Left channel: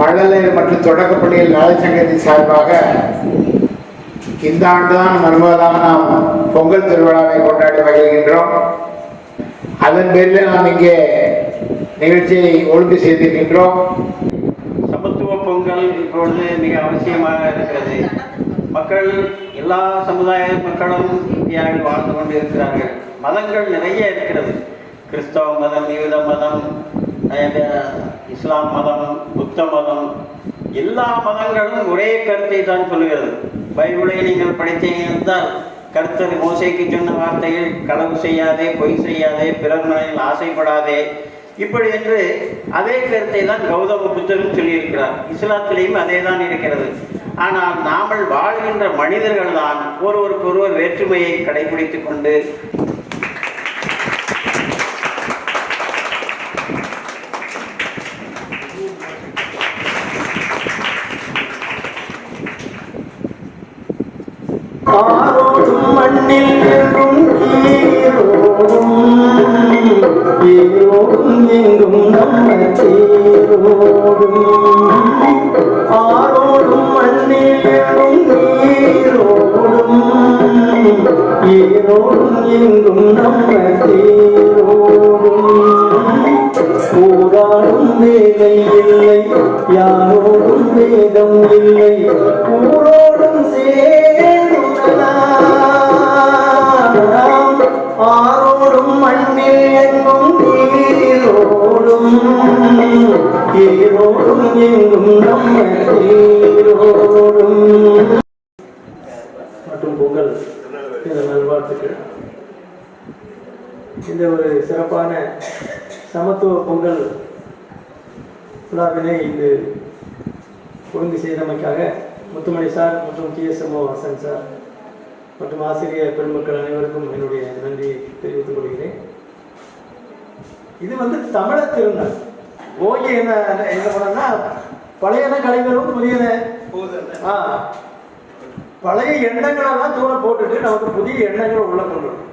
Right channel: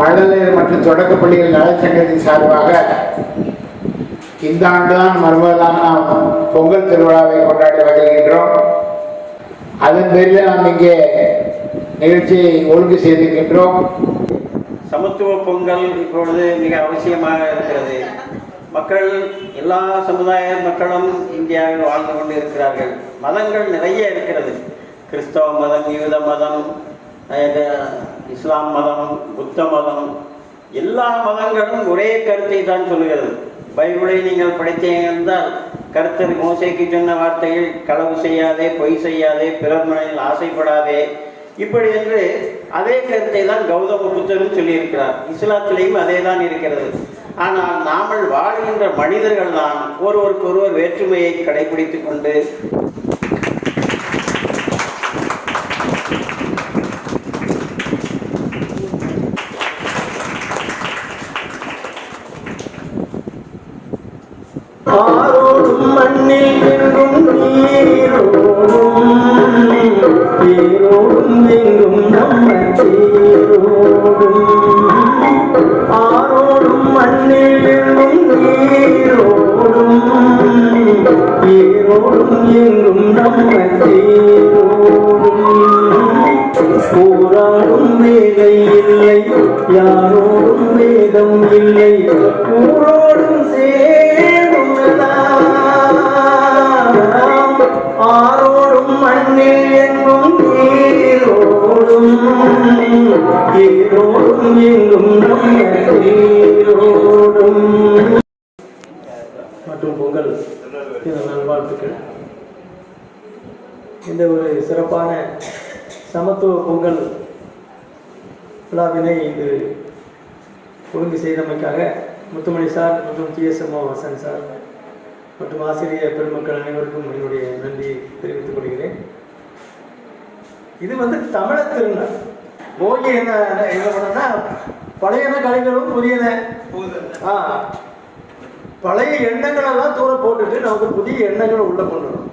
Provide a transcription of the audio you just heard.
மழலையர் மற்றும் தொடக்கப்பள்ளியில் நலச்சங்கத்தின் சார்பாக இந்த ஆண்டுதான் மறுபடியாக நாம் பொங்கல் திருவிழாவை கொண்டாடி மகிழ்கின்றோம். அதன் பேரில் நாம் இங்கே நிகழ்ச்சியை ஒழுங்கு செய்திருக்கின்றோம். சமத்துவ பொங்கல் இப்பொழுது மிக அவசியமாக இருக்கிறது. மக்கள் எல்லா சமுதாய மக்களும் இந்தியாவில் வாழ்ந்து கொண்டு இருக்கிறார்கள். மதங்கள் நிறைய இருக்கிறது. கிறிஸ்தவ மதம், யூத மதம், இஸ்லாம் மதம், புத்த மதம், எல்லா மதங்களும் ஒரே கருத்தை தான் சொல்கிறது. பைபிளை நீங்கள் படித்தீர்கள், கர்த்தர் மோசேக்கு சொன்ன வார்த்தைகள் களவு செய்யாதே, பொய் செய்யாதே, பிறர் மனையில் ஆசைப்படாதே, இப்படி என்று அதே கருத்தை தான் கௌதம புத்தரும் சொல்லியிருக்கிறார். இஸ்லாத்திலேயும் அதே தான் இருக்கிறது. ஆனால் நாமல் வாழ்கின்ற மனிதர்கள் தான் ஒருவருக்கொருவர் வேற்றுமையை கடைபிடித்துக் கொண்டு ஆரோடும் மண்ணில் எங்கும் நீரோடும், நீரோடும் எங்கும் நம்ம நீரோடும். ஆரோடும் மண்ணில் எங்கும் நீரோடும், நீரோடும் எங்கும் நம்ம நீரோடும். போராடும் வேலை இல்லை, யாரோடும் வேதம் இல்லை, ஊரோடும் ஆரோடும் மண்ணில் எங்கும் நீரோடும், நீரோடும் எங்கும் நீரோடும். மற்றும் பொங்கல் நல்வாழ்த்துக்கள். இந்த ஒரு சிறப்பான சமத்துவ பொங்கல் விழாவினை இது ஒழுங்கு செய்தமைக்காக முத்துமணி சார் மற்றும் TSMO வசன் சார் மற்றும் ஆசிரியர் பெருமக்கள் அனைவருக்கும் என்னுடைய நன்றியை தெரிவித்துக் கொள்கிறேன். இது தமிழர் திருநாள். போகி என்ன பண்ணோம்னா பழையன கலைஞர்களும் புதியன பழைய எண்ணங்களெல்லாம் தூர போட்டுட்டு நமக்கு புதிய எண்ணங்களை உள்ள கொள்ளணும்.